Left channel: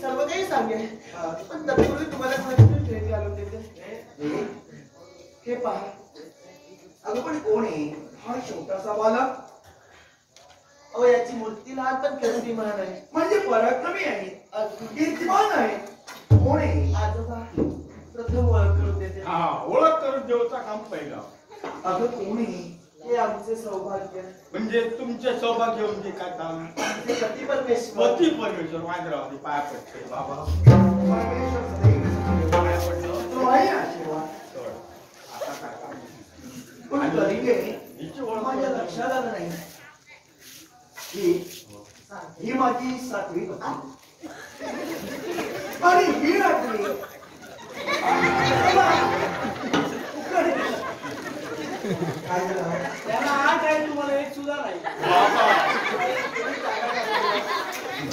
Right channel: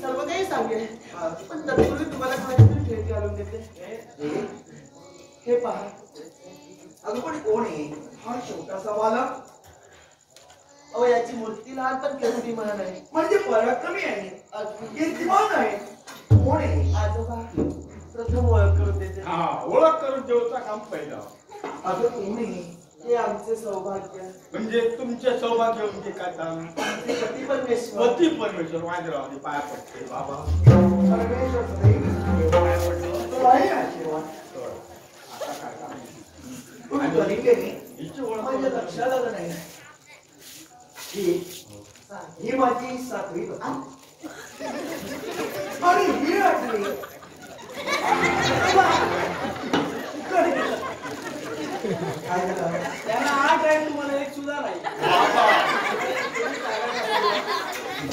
सर्व काही सांगेल पण तत्पूर्वी तुम्हाला कोणाची भेट घालून देते. हे पहा. अगं पण कोण आहे हा छोटासा बालक? अहो याची मूर्ती लहान पण कीर्तिमान आहे. म्हणजे पराक्रमी आहे, कीर्तिमान आहे. कोण आहे? आजोबा प्रथम ओळख करून देते. हा, ओळख करून देऊचा काम पहिला. अगं कोण आहे? हे आमचे सौभाग्य. म्हणजे तुमचे सौभाग्य म्हणजे काय काम? पती परमेश्वर. पती परमेश्वर वाजरावानी पाया पडते बाबा. परमेश्वर सदैव पाया पडलं तो आहे आशीर्वाद. आता काय काम? पण तरी काही हिची ओळख माझ्या लक्षात आलं नाही. ही माझी 7वी पत्नी आणि ही 8वी. त्याला 8 आहे, तुम्हाला 1 सुद्धा नाही.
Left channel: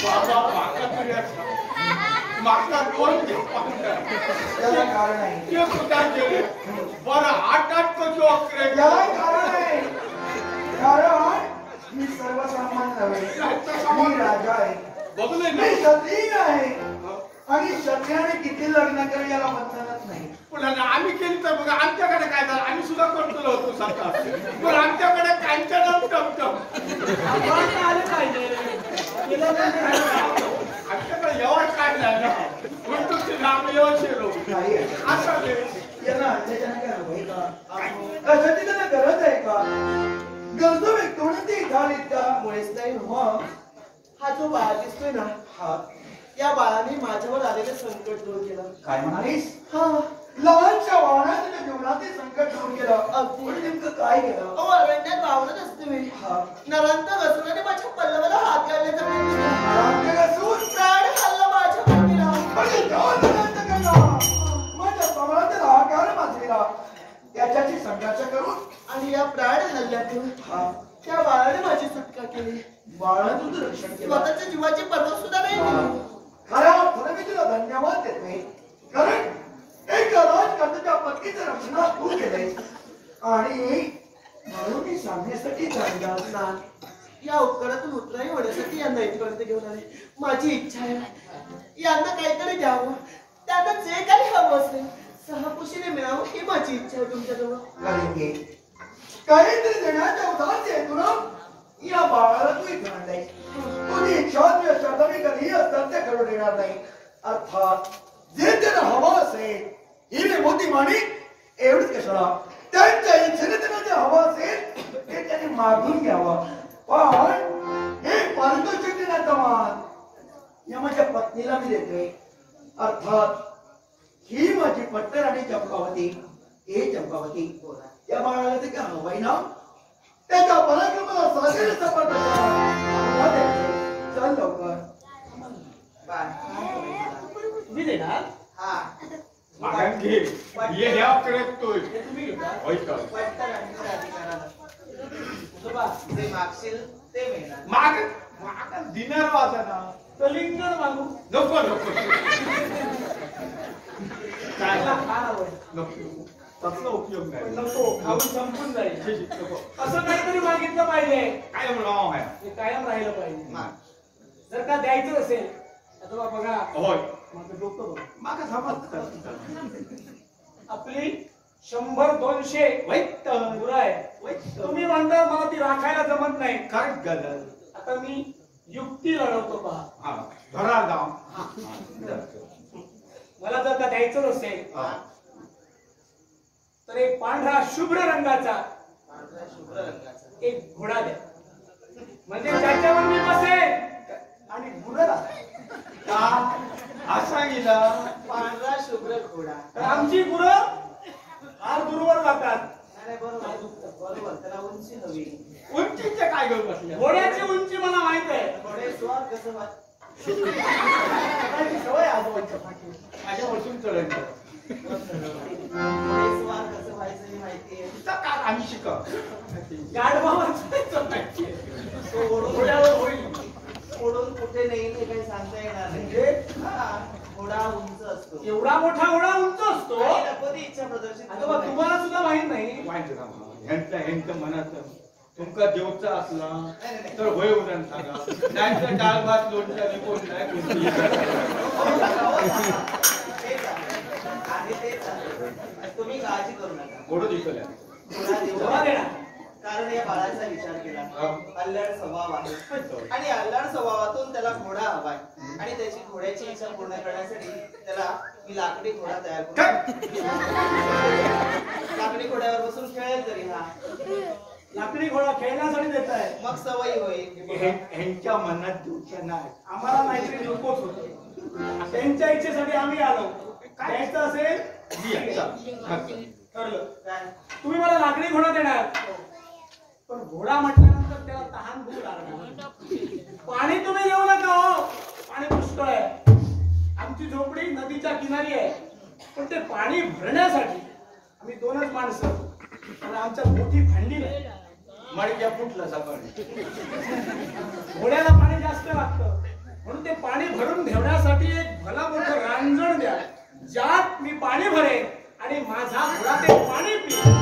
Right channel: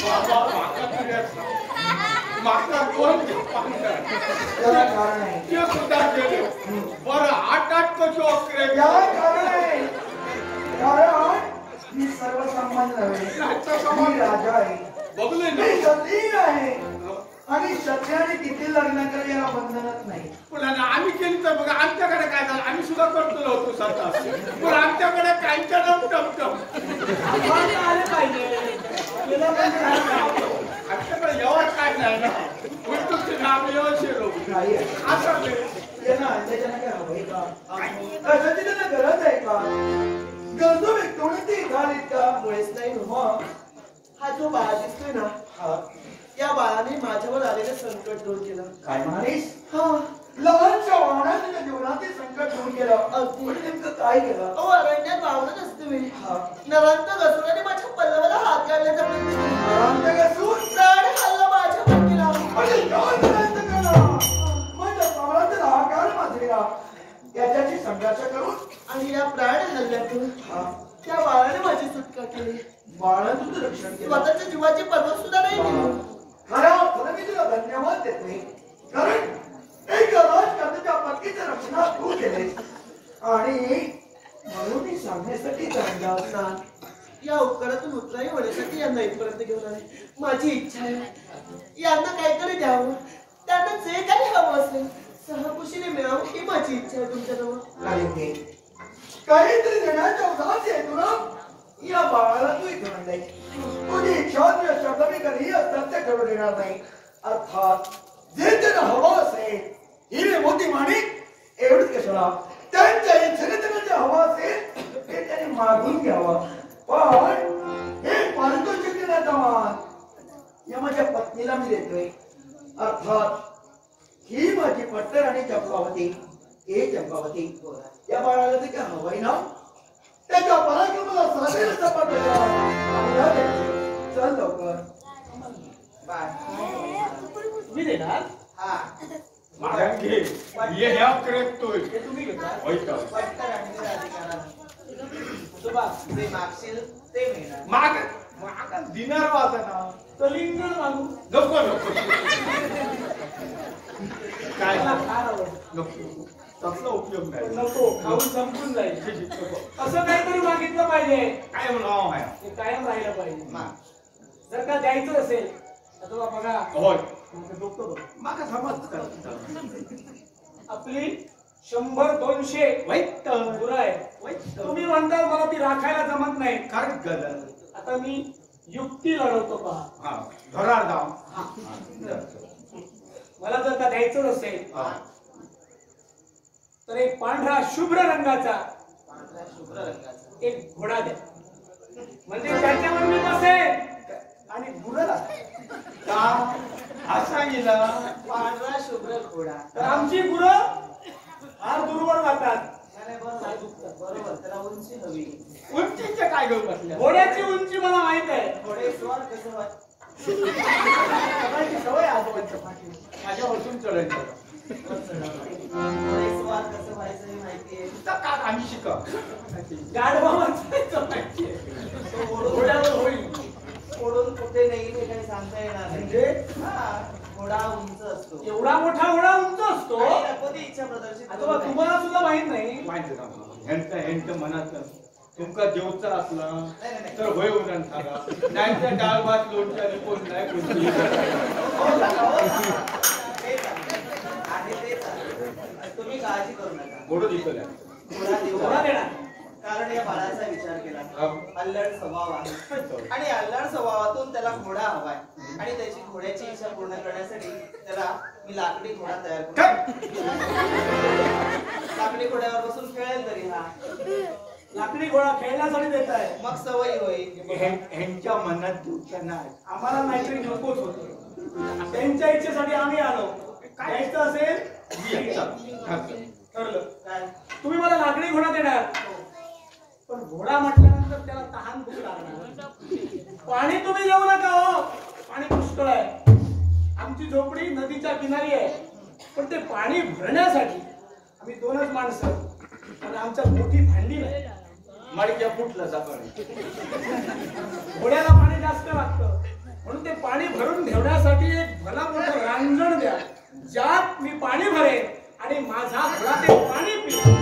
बाबा मागचा कोण त्याला कारण आहे. ते सुद्धा केले. बरं 8 कशी अकरे? याला कारण आहे. कारण मी सर्वसामान्य नव्हे. मी राजा आहे. बघले ना, मी क्षत्रिय आहे आणि क्षत्रियाने किती लग्न केलं याला बंधनच नाही. पण आम्ही केली तर बघा आमच्याकडे काय झालं, आम्ही सुद्धा करतो होतो साता. पण आमच्याकडे काहींच्या टमटम आमच्याकडे एवढ काय नाही ना. तुमची नाम व्यवस्थित नाही आहे. असं ते यांना त्याच्याने काय हवंय का? कशाची त्यांना गरज आहे का? गरजू व्यक्तीने ते घालीत का? मुळेच नाही हो. मग हा जो बाळा दिसतोय ना, हा या बाळाने माझ्यावर आलेलं संकट दूर केलं. काय म्हणालीस? हा, लहानच्या वाहनाने त्या जीवनातील संकट दूर केलं. अगदी. पण नेमकं काय केलं? अहो अरण्यात वावरत असते मी. हा नरांत घसुराने माझ्या पल्लवाला हात घालण्याचा प्रयत्न केला. रामनगरसूर प्राण हल्ला माझ्यावर केला. अरे काय प्रयत्न केला? माझ्या प्राणातील हाकार माजलेला याच्याशी संघर्ष करून आणि या प्राण हल्ल्यातून त्या बाळाने माझी सुटका केली. बाळाचं रक्षण केलं. स्वतःच्या जीवाची पर्वा सुद्धा नाही केली. खऱ्या अर्थाने मी तुला धन्यवाद देत नाही. कारण एक राजकारणाच्या पत्नीचं रक्षण तू केलेस आणि म्हणून मी सांगण्यासाठी चांगला ना, या उपकारातून उतराई होण्यासाठी यांना इथपर्यंत घेऊन आले. माझी इच्छा आहे यांना काहीतरी द्यावं, त्यांना जे काही हवं असेल सहकुशीने मिळावं ही माझी इच्छा आहे तुमच्याजवळ. अरे काहीतरी देण्याच्या उदास आहे तुला. या बाळाला तू इथे आणलंय. तुझी इच्छा तुझ्या शब्दाने कधीही असतात ते करू देणार नाही. अर्थात जे त्यांना हवं असेल हिरे मोती माणिक एवढीच कशाला, त्यांच्या इच्छेने त्यांना जे हवं असेल ते त्यांनी मागून घ्यावं. पण हे पारितोषिक देण्याचा मान या माझ्या पत्नीला मी देतोय. अर्थात ही माझी पट्टर आणि चंपावती. हे चंपावती या बाळाला ते काय हवंय ना, त्याच्या पराक्रमाला साजेल सपाट चल लवकर. तुम्ही देणार? हा, मागं घे. ये ह्या करतोय. हे तुम्ही घेता. ऐका. पट्टर आणि अधिकारानं तुझोबा जे मागशील ते मिळणार. माग दिनार वाजा ना. कलिंग मागू नको नको काय फार आवड. नको, तसला उपयोग नाही. नको, खाऊन संपून जाईल. नको. असं काहीतरी मागितलं पाहिजे. काय नाव आहे? हे कायम राहिलं पाहिजे. जर का द्यायचं असेल आता बघा, होय माझं डोकं बघ. मागा समज आपली 100-200 वाईट गुरं आहे. तुम्ही म्हणता मला ती राखायला जमत नाही. काय गदर. आता मी युक्ती लढवतो पहा. हा धरार जाऊ. मला जर का द्यायचं असेल तर एक पांढरा शुभ्र रंगाचा एक घोडा द्या, म्हणजे त्याच्यावर मी बसेल आणि गुरं का असा गेला पांढरा शुभ्र घोडा. तर आमची गुरं फार दूरवर जातात. बरोबर त्याला उंची हवी. उंचीचे काय घेऊन बसले? घोड्याची उंची मला माहित आहे. घोडे स्वार कसं सवय आजोबांच्या पाठी माझ्या वरतून चढायचं. घोडे स्वार कसं व्हायचं हे माहितीये. का आम्ही शिका तो घोड्यावर होईल. ओढून कुठे नेईल हे काही सांगता येणार नाही. घोडा उंच असतो. एवढा मोठा घोडा उंच असतो. कधी इच्छा प्रदर्शित तुम्हाला सुद्धा माहित नाही. माहिती ना ह्यांचं मनाचं तुमका जेवचा असला तर होय उरण सांगा नाहीतर डाळ भात लोणच्याने कोण नाही कोणती तुम्ही काळजी करू नका. गोडो दिसल्या घोडा देऊ कारण या बाळाचा विचार केला. अल्लड स्वभाव आहे आणि अल्लड स्वभावातून त्याला घोडा हवाय आणि त्याची घोड्याची इच्छा पूर्ण करण्यासाठी त्याला मी लाकडी घोडा तयार करू. लाकडी घोड्यावर बसून खेळेल तरी हा. लाकडी घोडा खेळण्यासाठी देत आहे. मग सवयी होईल. ह्यांच्या मनात दिवसा नाही आम्हाला नाहीतरी नकोच होत. त्यांच्या इच्छेसाठी आम्ही आलो. काय इच्छा असेल ठरलं. काय तुम्ही मला लाकडी घोडा देणार पण घोडा म्हटल्यानंतर त्याला तहान भूक लागणार. पाणी तुम्ही देऊ नका हो. पाणी पुष्कळ आहे. आमची झोपडी नदीच्या किनारी आहे पण ते पाणी भरण्यासाठी आम्ही दोनच माणसं आणि आमच्या मोठी भांडी नाही. माळीच्या फुटला सकाळी घोड्याला पाणी जास्त लागतं म्हणून ते पाणी भरून ठेवण्यासाठी एक भला मोठं रांजण द्या ज्यात मी पाणी भरेन आणि माझा घोडा ते पाणी पिईल.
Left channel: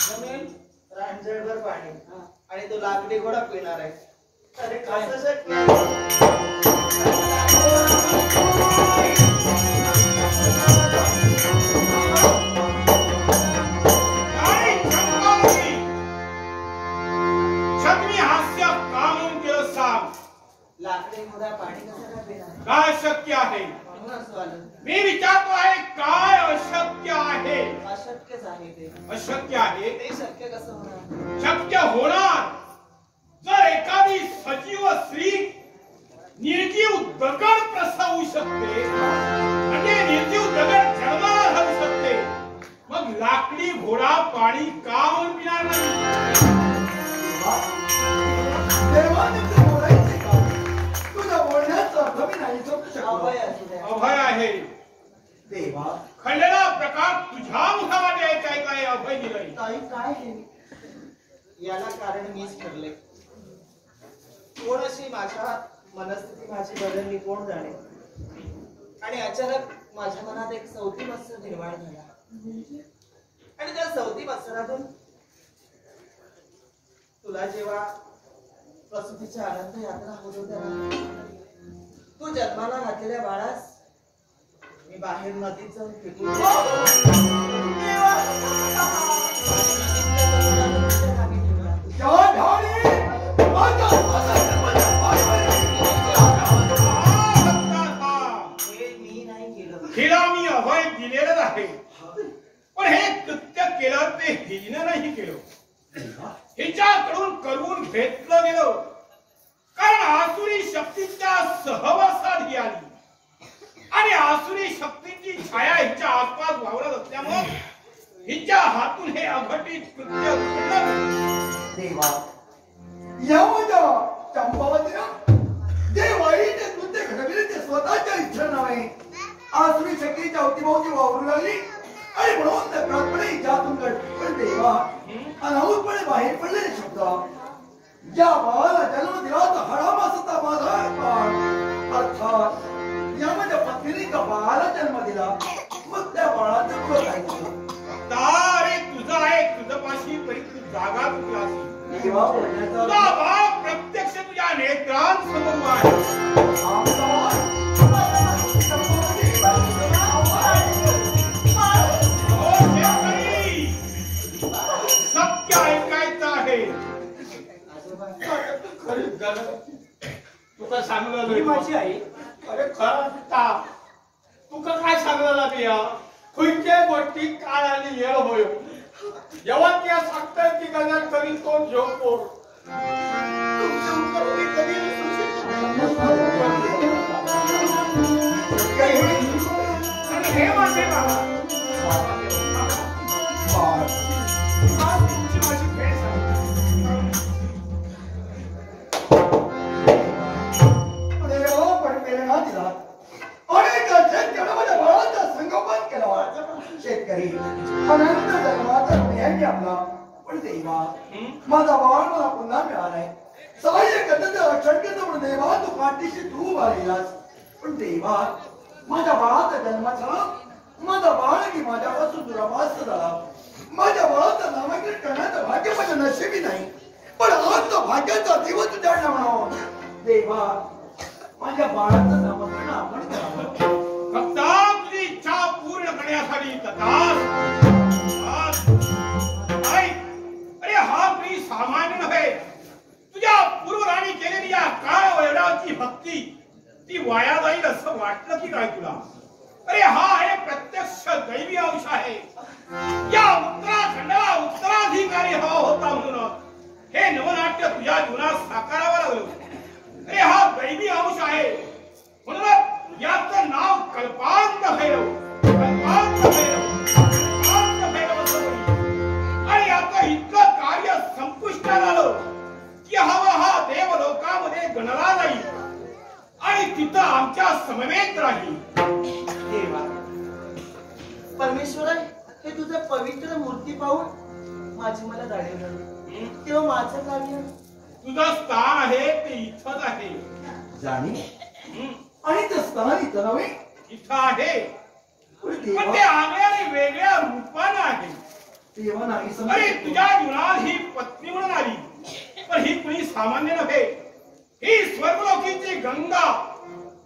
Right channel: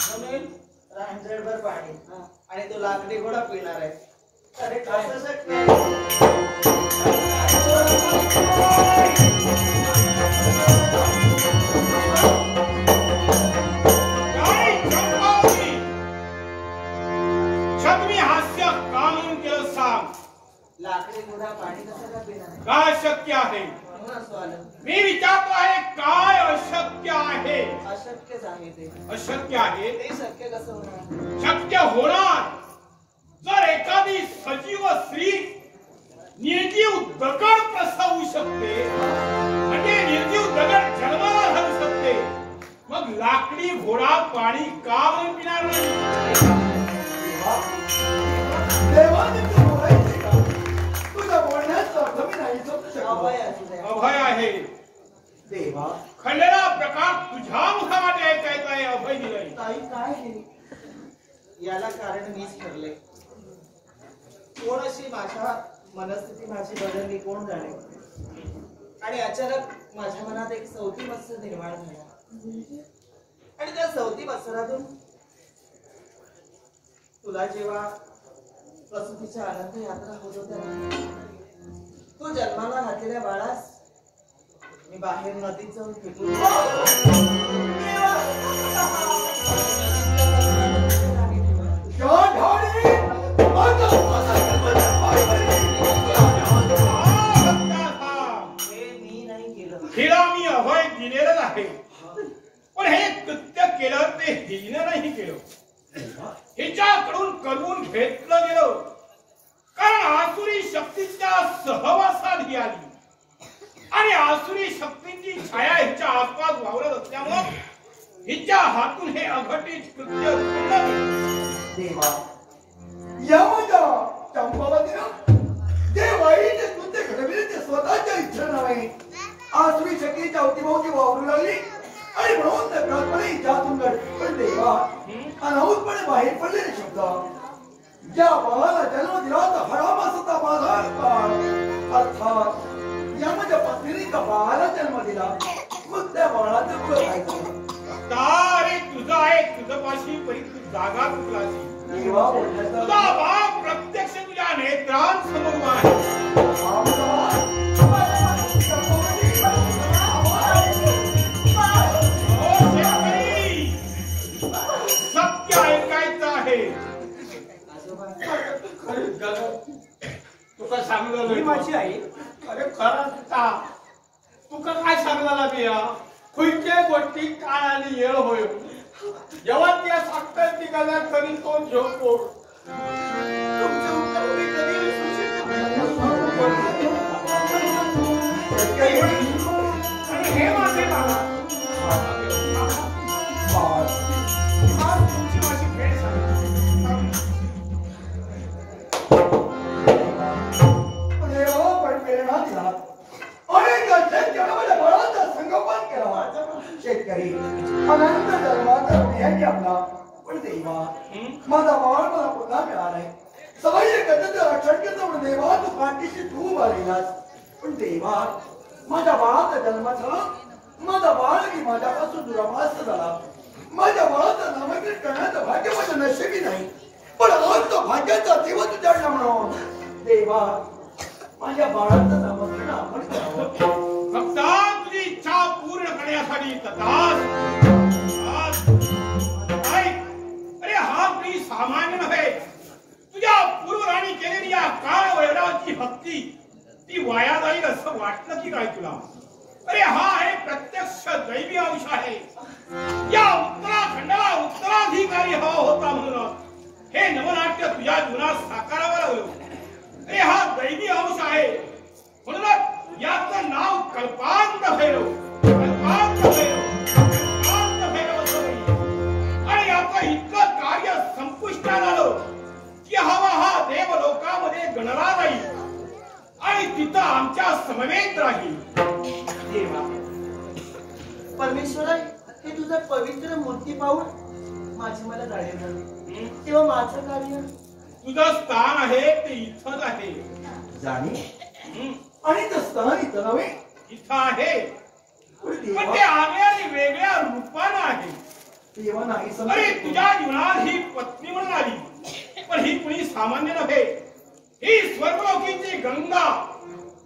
जमेल? रांजणभर पाणी आणि तो लाकडी घोडा पिणार आहे. अरे कसं शक्य लाकडी घोडा पाणी कसं पिणार? काय शक्य आहे मी विचारतो आहे काय अशक्य आहे? अशक्यच आहे ते. अशक्य आहे ते शक्य कसं होणार? शक्य होणार जर एखादी सजीव स्त्री निर्जीव दगड प्रसवू शकते म्हणजे निर्जीव दगड जन्माला घालू शकते मग लाकडी घोडा पाणी का म्हणून पिणार नाही? देवाने तू बोलायचे का? तुझ्या बोलण्याचा अर्थ मी नाही समजू शकलो. अभय आहे देवा खंडेला प्रकार तुझ्या मुखामध्ये ऐकाय काय अभय दिलंय? ताई काय हे? याला कारण मीच ठरले. कोण अशी माझ्या मनस्थिती माझी बदलली कोण जाणे आणि अचानक माझ्या मनात एक सवती मत्सर निर्माण झाला आणि त्या सवती मत्सरातून तुला जेव्हा प्रसूतीच्या आनंद यात्रा होत होत्या तू जन्माला घातलेल्या बाळास मी बाहेर नदीत जाऊन फेकून हिला मी अभय दिलेलंच आहे पण हे कृत्य केलं ते हिने नाही केलं हिच्याकडून करून घेतलं गेलं कारण आसुरी शक्तीच्या सहवासात ही आली आणि आसुरी शक्तीची छाया हिच्या आसपास वावरत असल्यामुळे हिच्या हातून हे अघटित कृत्य घडलं. देवा यामध्ये चंपावतीला जे वाईट कृत्य घडविले ते स्वतःच्या इच्छा नव्हे आसुरी शक्तीच्या अवतीभोवती वावरू लागली आणि म्हणून नकळतपणे हिच्यातून घडली. पण देवा अनाहूतपणे बाहेर पडलेले शब्द ज्या बाळाला जन्म दिला तर हराम असता माझा बाळ अर्थात या माझ्या पत्नीने त्या बाळाला जन्म दिला मग त्या बाळाचं कुळ खायचं अरे तुझा आहे तुझं पाशी परी तू जागा चुकला देवा बोलण्याचा तुझा भाव प्रत्यक्ष तुझ्या नेत्रांसमोर आहे. सत्य ऐकायचं आहे. तुका ही सांगलं माझी आई. अरे खरं का तुका काय सांगला बिया खंयच्या गोष्टी काळ आणि वेळ होय जेव्हा त्या सांगतात ती गल्ला तरी तो झोपो तुमचे उपकार मी कधी विसरू शकतो? आणि हे माझे बाबा आज तुमची माझी भेट झाली. प्रेरणा दिला अनेक शेतकऱ्यामध्ये बळाचा संगोपन केला शेतकरी अनंत जन्माचा मेहनती आपला पण देवा माझा बाळ मला पुन्हा मिळालाय सवय कथेचं रक्षण केलं म्हणून देवा तू पाठीशी तू आलेलास पण देवा माझ्या बाळाचा जन्म झाला माझा बाळ की माझ्यापासून दुराभास झाला माझ्या बाळाचं नामांकन करण्याचं भाग्य माझ्या नशिबी नाही, पण आज तो भाग्याचा दिवस उजाडला म्हणून देवा माझ्या बाळाचं नामकरण आपण करावं. फक्त तुझी इच्छा पूर्ण करण्यासाठी अरे हा कोणी सामान्य नव्हे. तुझ्या पूर्वराणी केलेली या काळ वैराची भक्ती ती वाया जाईल असं वाटलं की काय तुला? अरे हा आहे प्रत्यक्ष दैवी अंश आहे. या उत्तराखंडाला उत्तराधिकारी हवा होता म्हणून हे नवनाट्य तुझ्या जीवनात साकारावं लागलं. अरे हा दैवी अंश आहे म्हणून याचं नाव कल्पांत भैरव, कल्पांत भैरव, कल्पांत भैरव असं म्हणलं. आणि याचं इतकं कार्य संपुष्टात आलं की हवा हा देवलोकामध्ये गणला जाईल आणि तिथं आमच्या समवेत राहील. देवा परमेश्वरा, हे तुझं पवित्र मूर्ती पाहून माझी मला जाणीव झाली. तेव्हा माझं कार्य तुझं स्थान आहे ते इथंच आहे. जाणी आणि ते स्थान इथं नव्हे, इथं आहे पण पण ते आगळ्या वेगळ्या रूपानं आहे. देवा नाही अरे समजत. तुझ्या जीवनात ही पत्नी म्हणून आली, पण ही कुणी सामान्य नव्हे. ही स्वर्गलोकीची गंगा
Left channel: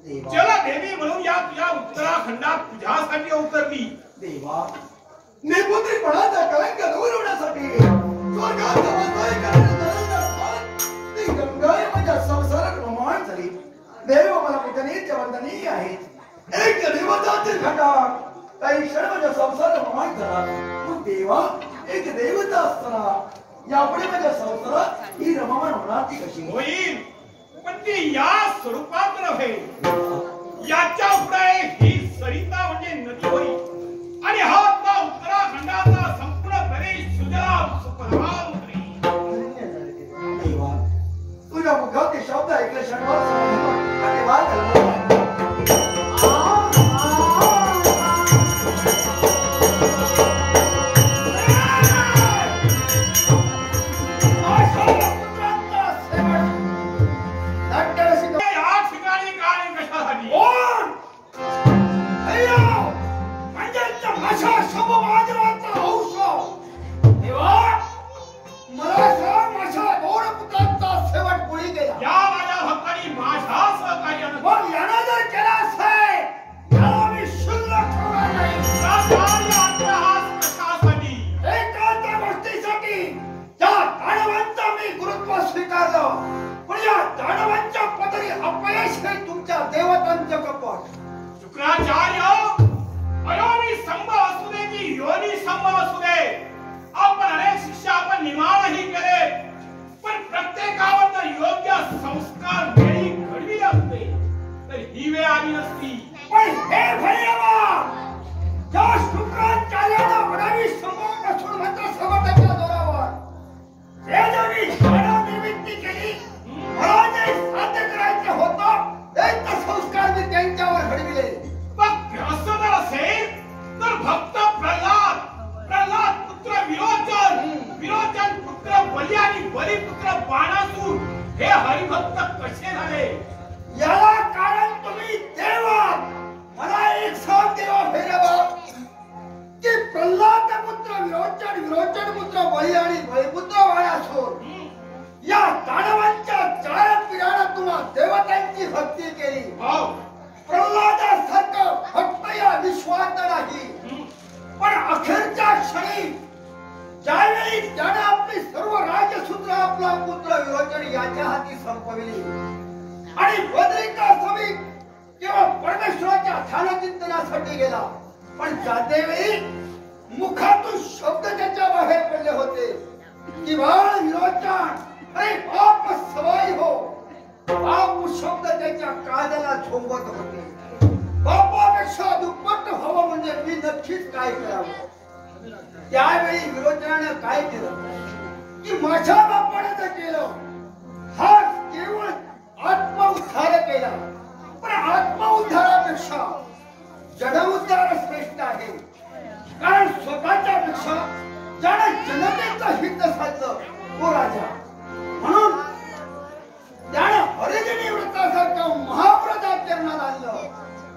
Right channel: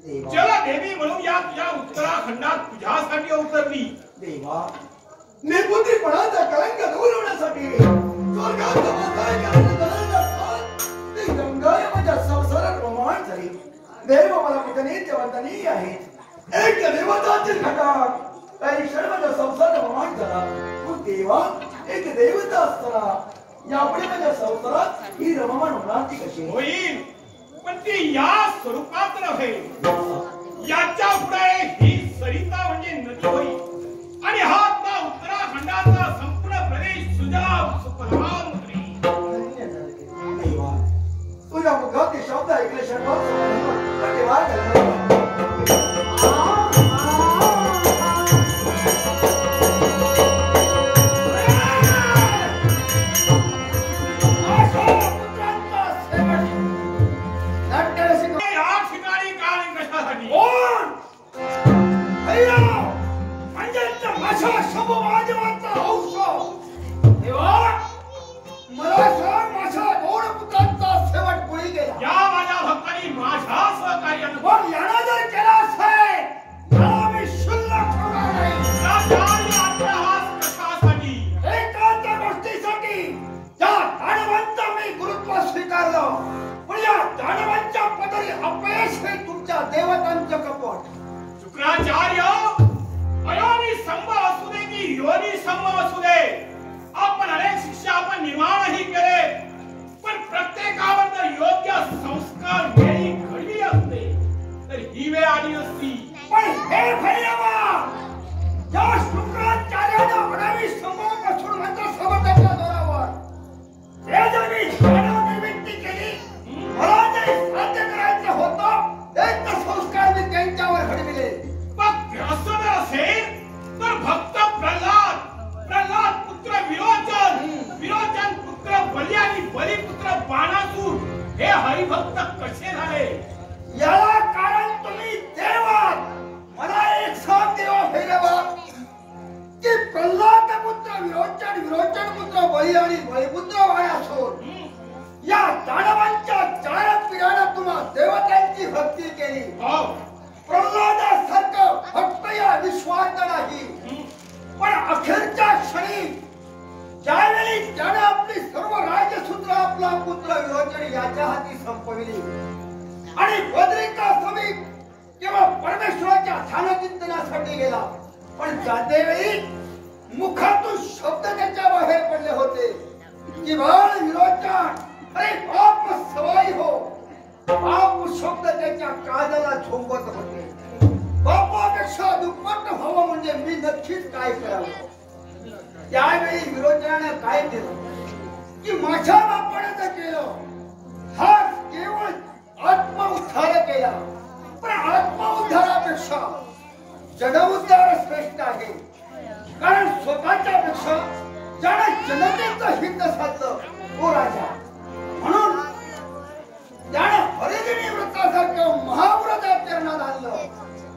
देवा जलदेवी म्हणून या तुझ्या उत्तराखंडात तुझ्यासाठी अवतरली. देवा निपुत्रीपणाचा कलंक दूर होण्यासाठी स्वर्गात नमस्कार करण्याचा ती गंगा माझ्या संसारात रोमांच झाली. देव मला पुतनीचे वंदनीय आहेत. एक देवताचे घटा काही क्षण माझ्या संसारात रोमांच झाला. मग देवा एक देवता असताना यापुढे माझ्या संसारात ही रममाण होणार ती कशी? होईल, पण ती या स्वरूपात नव्हे. याच्या पुढे ही सरिता म्हणजे नदी होईल आणि हा आपला उत्तराखंडाचा संपूर्ण प्रदेश सुजलाम सुफलाम करेल. देवा तुझ्या मुखात ते शब्द ऐकले शनिवार देवा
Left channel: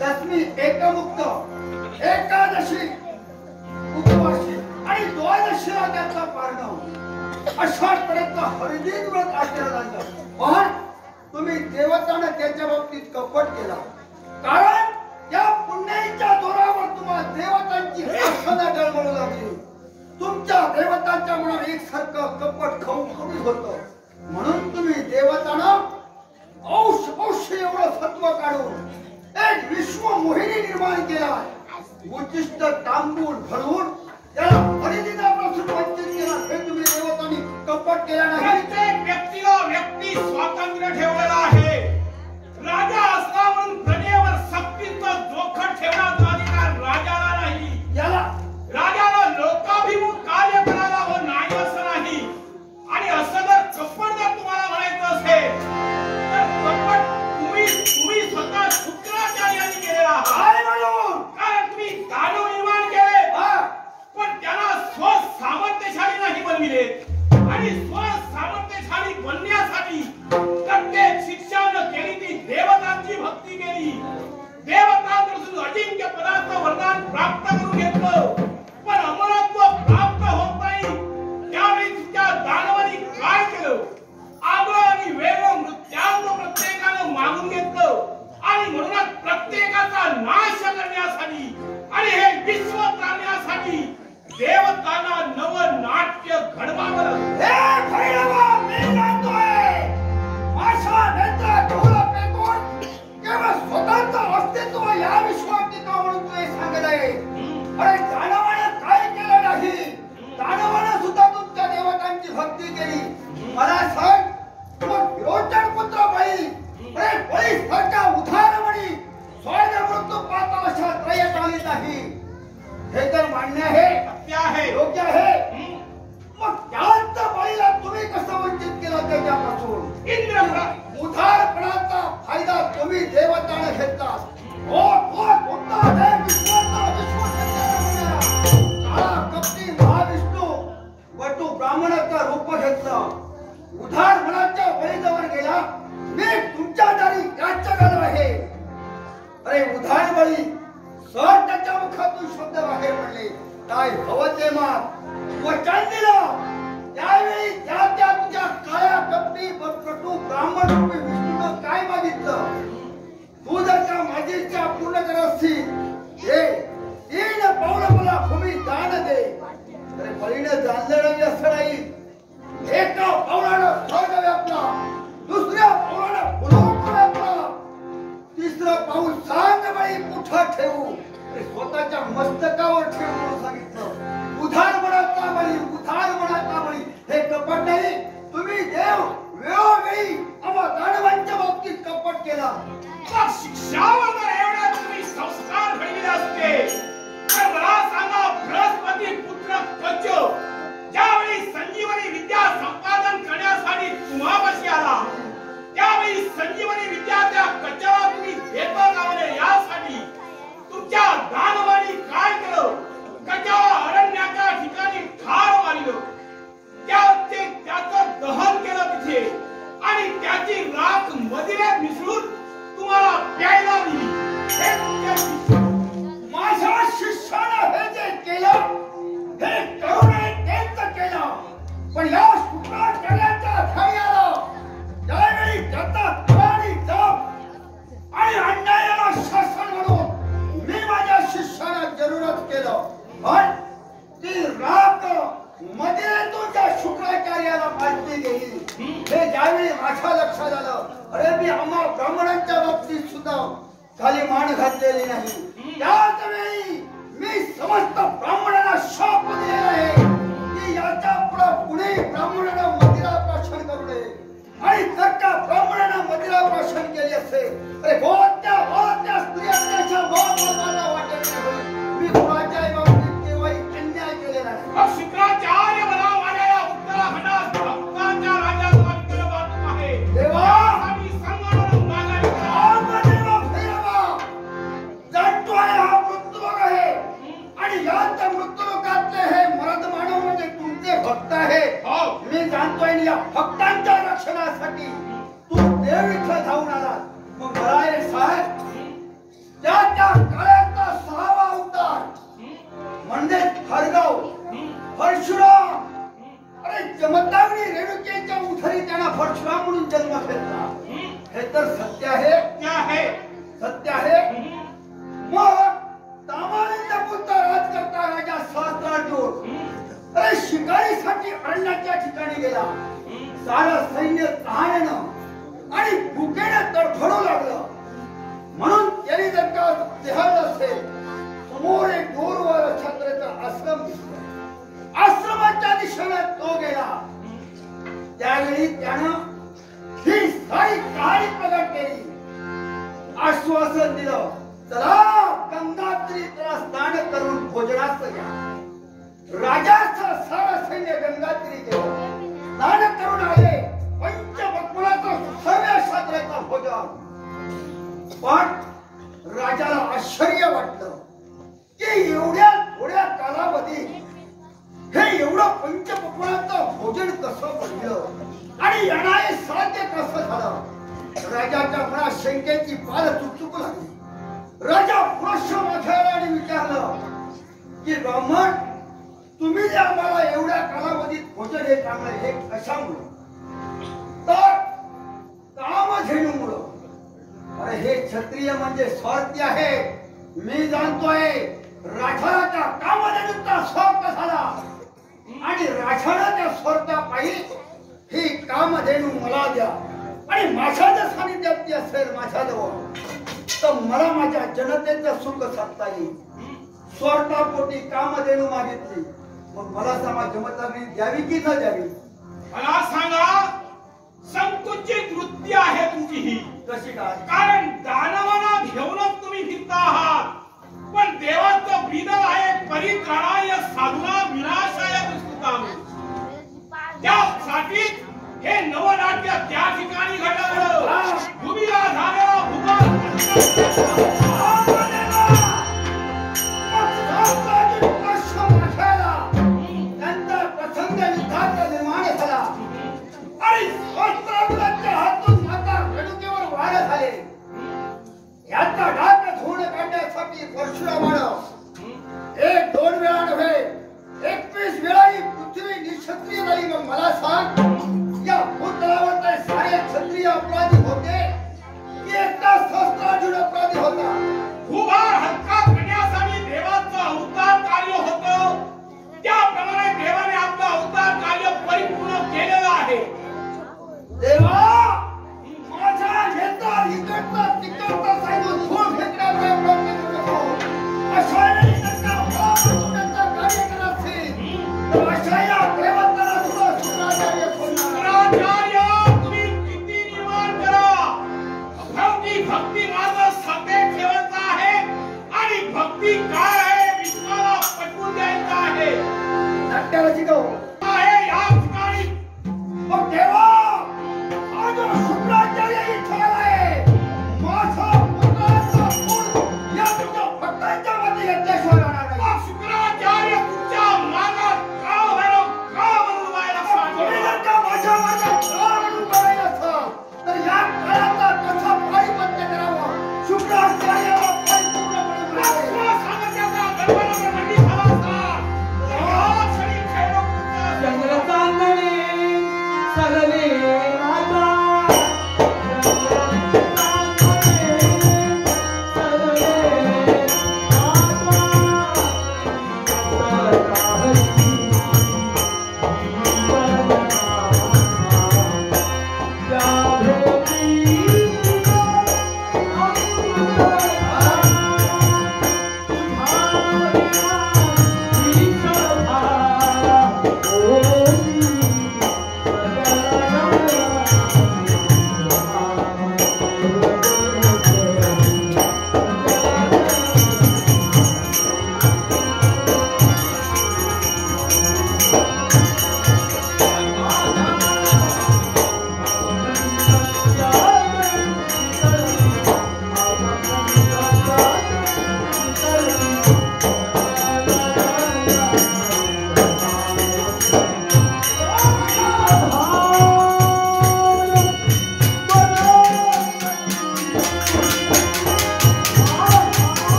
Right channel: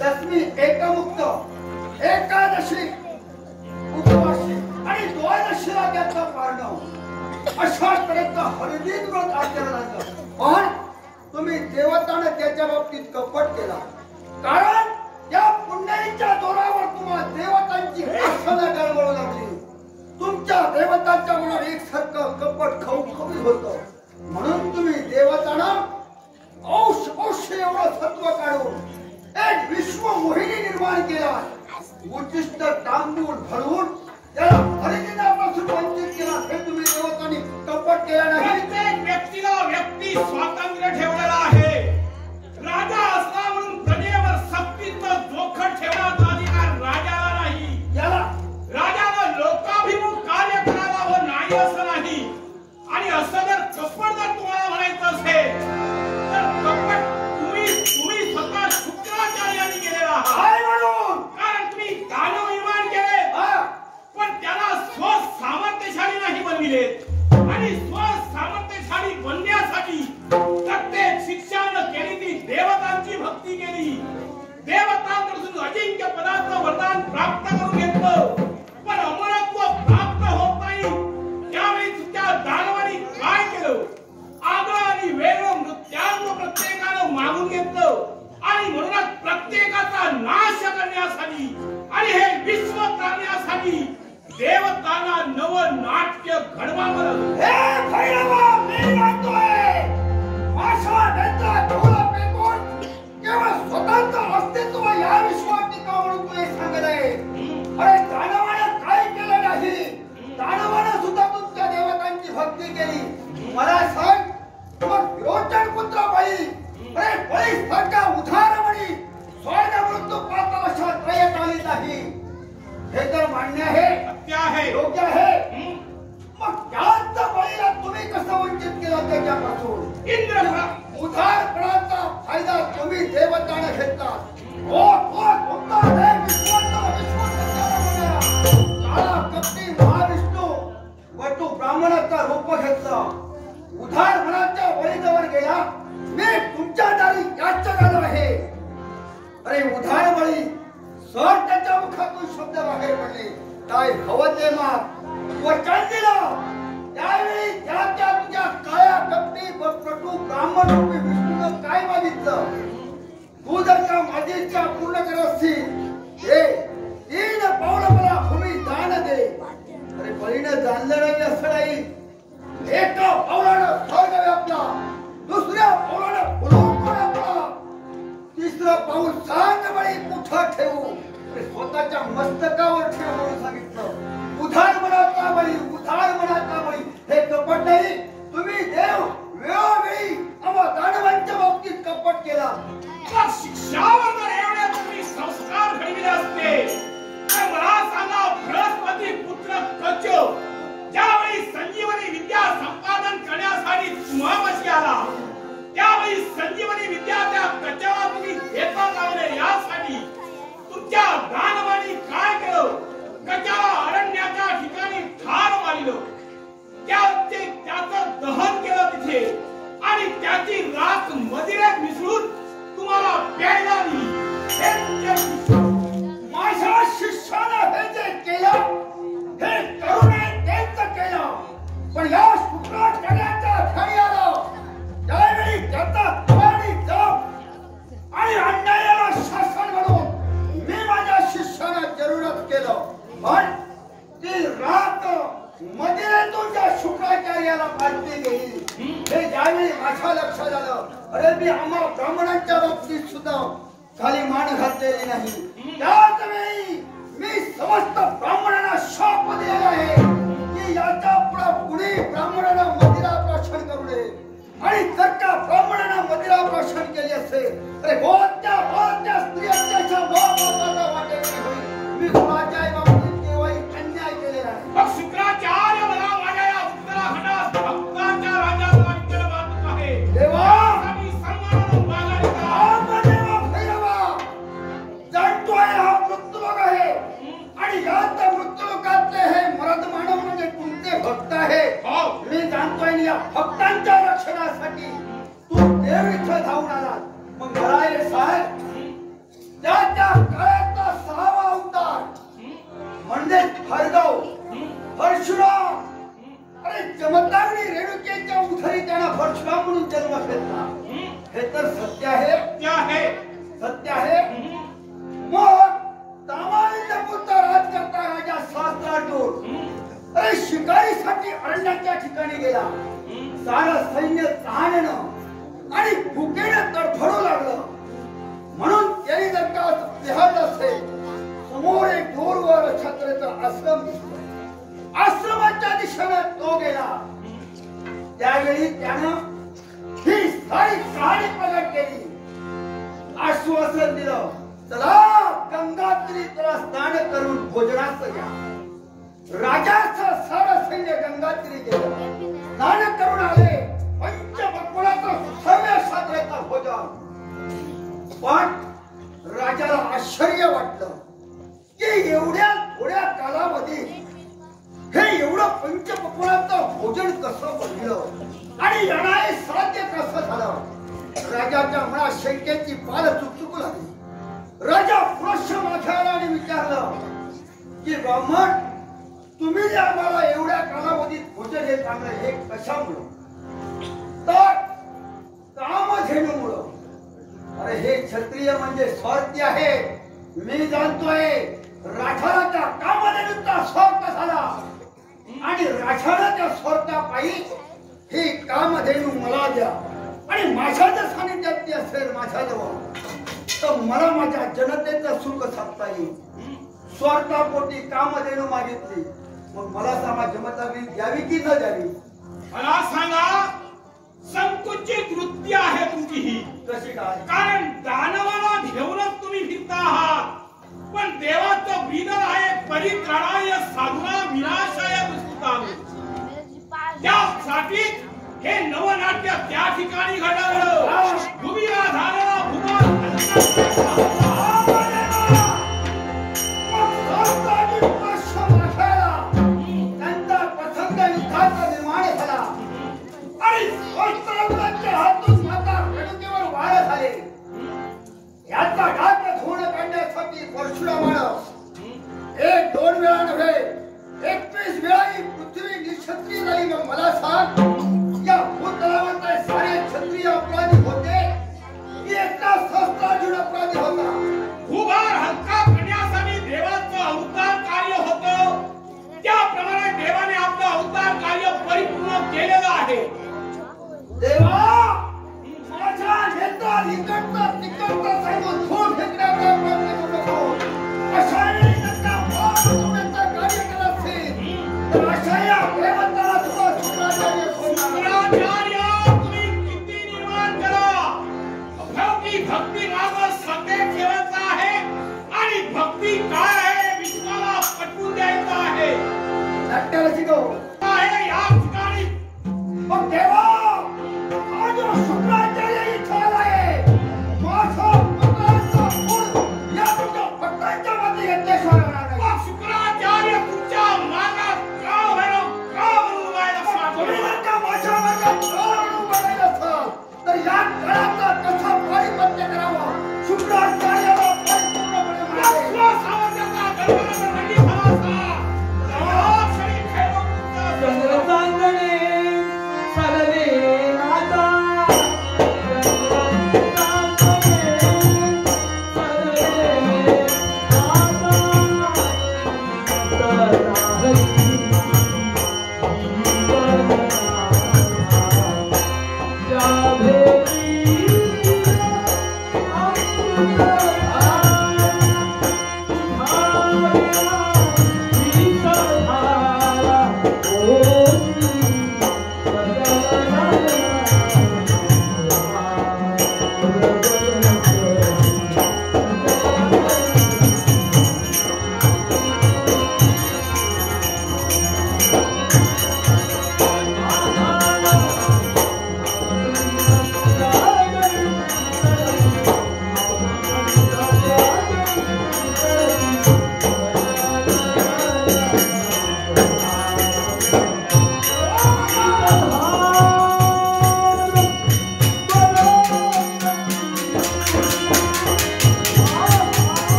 दशमी एकमुक्त एकादशी उपवासी आणि आणि द्वादशीला त्याचा पारणं अशा तऱ्हेचा हरिदिन व्रत आचरण आणलं. पण तुम्ही देवताने त्याच्या बाबतीत कपट केला. कारण त्या पुण्याईच्या जोरावर तुम्हाला देवतांची आसनं गळवळू लागली. तुमच्या देवतांच्या मनात एकसारखं कपट खवखवीत होतं. म्हणून तुम्ही देवतांना औष एवढं सत्व काढून एक विश्व मोहिनी निर्माण केला. उच्चिष्ट तांबून भरवून त्याला हरिदिनापासून वंचित केला. हे तुम्ही देवतांनी कपट केला नाही. प्रत्येक व्यक्तीला व्यक्ती स्वातंत्र्य ठेवलेला आहे. राजा असला म्हणून प्रजेवर सक्तीचं जोखड ठेवण्यात अधिकार राजाला नाही. याला राजाला लोकाभिमुख कार्य करायला हवं नाही असं नाही. आणि असं जर कपट जर तुम्हाला म्हणायचं असेल तर कपट तुम्ही स्वतः शुक्राचार्यांनी केलेला आहात. काय म्हणून? कारण तुम्ही दानव निर्माण केले पण त्याला स्वसामर्थ्यशाली नाही बनविले. आणि स्वसामर्थ्यशाली बनण्यासाठी प्रत्येक शिक्षानं केली ती देवतांची भक्ती केली. देवतांपासून अजिंक्य पदाचं वरदान प्राप्त करून घेतलं. पण अमरत्व प्राप्त होत नाही. त्यावेळी तुमच्या दानवानी काय केलं? आग्रह आणि वेग मृत्यांग प्रत्येकानं मागून घेतलं. आणि म्हणूनच प्रत्येकाचा नाश करण्यासाठी आणि हे विश्व प्राण्यासाठी देवतांना नव नाट्य घडवावं लागलं. हे भैरवा मी म्हणतोय माझा नेता डोळा पेकून केवळ स्वतंत्र अस्तित्व या विश्वात टिकावं म्हणून तुला सांगत आहे. अरे दानवानं काय केलं नाही? दानवानं सुद्धा तुमच्या देवतांची भक्ती केली. मला सांग मग विरोचन पुत्र बळी अरे बळी सारखा उधार म्हणी स्वर्ण मृत्यू पाहता अशा त्रयत आली नाही. हे तर मान्य आहे, सत्य आहे, योग्य आहे. मग त्याच बळीला तुम्ही कसं वंचित केलं त्याच्यापासून? इंद्र उधारपणाचा फायदा तुम्ही देवताने घेतला. तुमचा देव काळा कपटी महाविष्णू वटू ब्राह्मणाचा रूप घेतलं. उधारपणाच्या बळीजवळ गेला. मी तुमच्या दारी याचना आहे. अरे उधार बळी सर त्याच्या मुखातून शब्द बाहेर पडले. काय हवं ते माग वचन दिलं. त्यावेळी त्या तुझ्या काळ्या कपटी वटू ब्राह्मण रूपी विष्णूनं काय मागितलं? तू जर त्या माझीच्या पूर्ण करत असतील हे 3 पावलं मला भूमी दान दे. अरे बळीनं जाणलं नाही असं नाही. एका पावलानं स्वर्ग व्यापला, दुसऱ्या पावलानं भूलोक व्यापला, तिसरं पाऊल सांग बळी कुठं ठेवू? स्वतःच्या मस्तकावर ठेवू म्हणून सांगितलं. उधार मनाचा बळी, उधार मनाचा बळी. हे कपट नाही. तुम्ही देव वेळोवेळी आम्हा दानवांच्या बाबतीत कपट केला. शिक्षावर एवढ्या तुम्ही संस्कार घडविले असते तर मला सांगा बृहस्पती पुत्र कच्च ज्यावेळी संजीवनी विद्या संपादन करण्यासाठी तुम्हापाशी आला त्यावेळी संजीवनी विद्या त्या कच्च्याला तुम्ही घेता कामा नये यासाठी तुमच्या दानवानी काय केलं? कच्च्याला अरण्याच्या ठिकाणी ठार मारलं. त्याचं दहन केलं तिथे आणि त्याची राख मदिरेत मिसळून तुम्हाला प्यायला दिली. माझ्या शिष्यानं हे जे केलं हे करुणे त्यांचं केलं. पण या शुक्राचार्याच्या घरी आलं त्यावेळी त्याचा आणि जप आणि अन्यायाला शासन म्हणून मी माझ्या शिष्यानं जरूरच केलं. पण ती राख मदिरेतून त्या शुक्राचार्याला पाजली गेली. हे ज्यावेळी माझ्या लक्षात आलं अरे मी आम्हा ब्राह्मणांच्या बाबतीत सुद्धा खाली मान घातलेली नाही. त्याच वेळी मी समस्त ब्राह्मणांना शाप दिलेला आहे की याच्या पुढे ब्राह्मणांना मदिरा प्राशन करू नये. आणि जर का ब्राह्मणांना मदिरा प्राशन केली असेल अरे गोत्या स्त्रियांच्या महत्वाचा वाटेल होईल. मी कुणाच्या बाबतीत केव्हाही अन्याय केलेला नाही. मग शुक्राचार्य मला माझ्या या उत्तराखंडात भक्तांच्या राजाचा विठ्ठल मानत आहे. देवा आणि संगणून मागायला जाणतोय हा मृत्यूलोक आहे आणि याच मृत्यूलोकातले हे मरद मानव म्हणजे तुमचे भक्त आहे. मी जाणतोय या भक्तांच्या रक्षणासाठी तू देव इथं धावून आला. मग मला एक सांग त्या काळातला 6वा अवतार म्हणजे भार्गव तर सत्य आहे. क्या है? सत्य आहे. मग तामारीचा पुत्र राज करता राजा सहस्त्रार्जुन अरे शिकारीसाठी अरण्याच्या ठिकाणी गेला. सारं सैन्य तहानेनं आणि भुकेनं तडफडू लागलं. म्हणून त्यांनी जर का पाहत असेल समोर एक दूरवर छत्रेचा आश्रम दिसला. आश्रमाच्या दिशेने तो गेला. त्यावेळी त्यानं ही सारी कहाणी प्रगट केली. आश्वासन दिलं, चला गंगात्रीला स्नान करून भोजनात या. राजाचं सारं सैन्य गंगात्री गेलं. स्नान करून आले. पंचपक्वाचं सुसह्य क्षात्राचं भोजन. पण राजाला आश्चर्य वाटलं की एवढ्या थोड्या कालावधीत हे एवढं पंचपक्वाचं भोजन कसं बनलं आणि येणारे साध्य कसं झालं. राजाच्या मनात शंकेची पाल चुकचुकू लागली. राजा पुरुष माथ्याला आणि विचारलं की ब्राह्मण तुम्ही जे आम्हाला एवढ्या कालावधीत भोजन हे चांगलं हे कशामुळे. तर कामधेनूमुळं. अरे हे क्षत्रिय म्हणजे स्वार्थी आहे. मी जाणतोय राजाचा कामधेनूचा स्वार्थ झाला आणि राजाच्या स्वार्थापायी ही कामधेनू मला द्या आणि माझ्या जर सानिध्यात ती असेल माझ्याजवळ तर मला माझ्या जनतेचं सुख साधता येईल. स्वार्थापोटी कामधेनू मागितली. मग मला सांगा जमतावी द्यावी की न द्यावी. मला सांगा संकुचित वृत्ती आहे तुमची ही. कशी काय. कारण दानवाला घेऊनच तुम्ही फिरता आहात. पण देवाचं ब्रीदर आहे परित्राणाय साधना विनाशाय दुष्कृताने. त्यासाठी हे नवनाट्य त्या ठिकाणी घडवलं. भूमीला झालेला भूभाग त्यांचा प्रसंग युद्धाचा निर्माण झाला आणि वस्त्राच्या हातून माता रेणुकेवर वार झाले. याचा डाग धुवून काढण्यासाठी परशुरामानं 1-2 वेळा नव्हे 21 वेळा ही पृथ्वी निक्षत्रिय झाली. मग मला सांग या भूतलावर सारे क्षत्रिय अपराधी होते की एकटा सहस्त्रार्जुन अपराधी होता. भूभार हलका करण्यासाठी देवाचं अवतार कार्य होतं. त्याप्रमाणे देवाने आपलं अवतार कार्य परिपूर्ण केलेलं आहे. देवा माझ्या नेता इकडचा तिकडचा सांगून धूळ फेकण्याचा प्रयत्न करू नको. अशा वेळी त्यांना होण्याचा कार्य करत असेल तर अशा या प्रेमताला तुला शुक्राचार्य शुक्राचार्य तुम्ही किती निर्माण करा. भक्ती भक्ती मार्ग सत्य ठेवायचा आहे आणि भक्ती काय आहे विश्वाला पटवून द्यायचा आहे. नाट्याला शिकव आहे या ठिकाणी. मग देवा आज शुक्राचार्य इच्छा आहे. माझा पुत्राचा फूल या तुमच्या भक्तांच्या मध्ये घेतल्याशिवाय होणार नाही. शुक्राचार्य तुमच्या मार्गात का म्हणून व्हायला तुम्ही सांगतो. जर का माझ्या मार्गात म्हणून बघायला असाल तर या काळाचा कसा पारिपत्य करावं. शुक्राचार्याला परिपूर्णपणे सामर्थ्याचा गणपतीवर मंडी झाला असता. या क्षणी खेळलो तुमच्या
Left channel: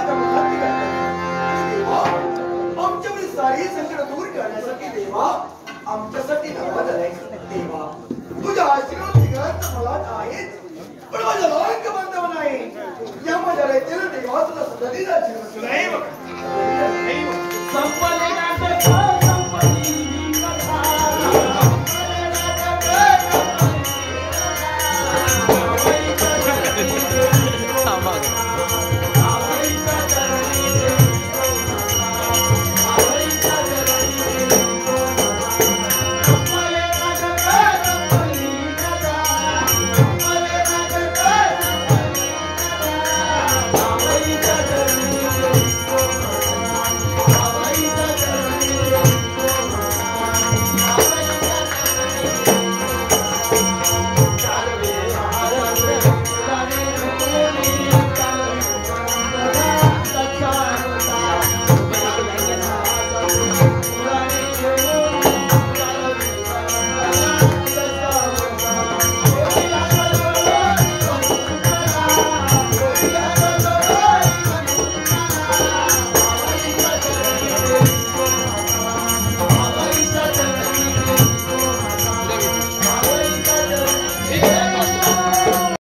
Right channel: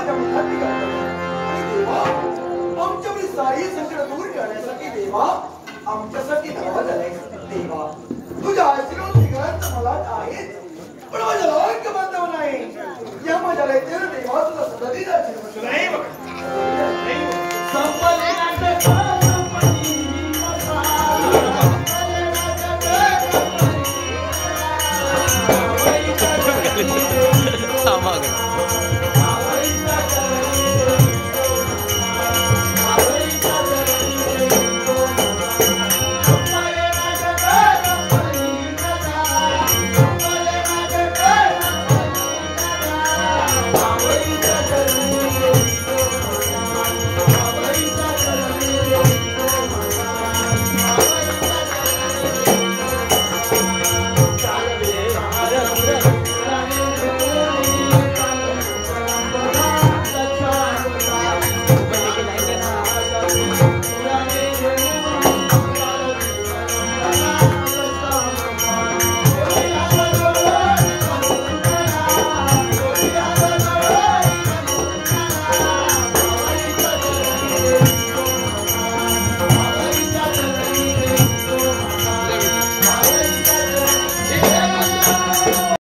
माझ्या मनात निघाली आणि देवा आमच्यावरील सारी संकट दूर करण्यासाठी देवा आमच्यासाठी धावा झालाय देवा तुझ्या आशीर्वाद निघत मला आहेच पण माझ्या लाख बांधव नाही या माझ्या देवा तुला संधी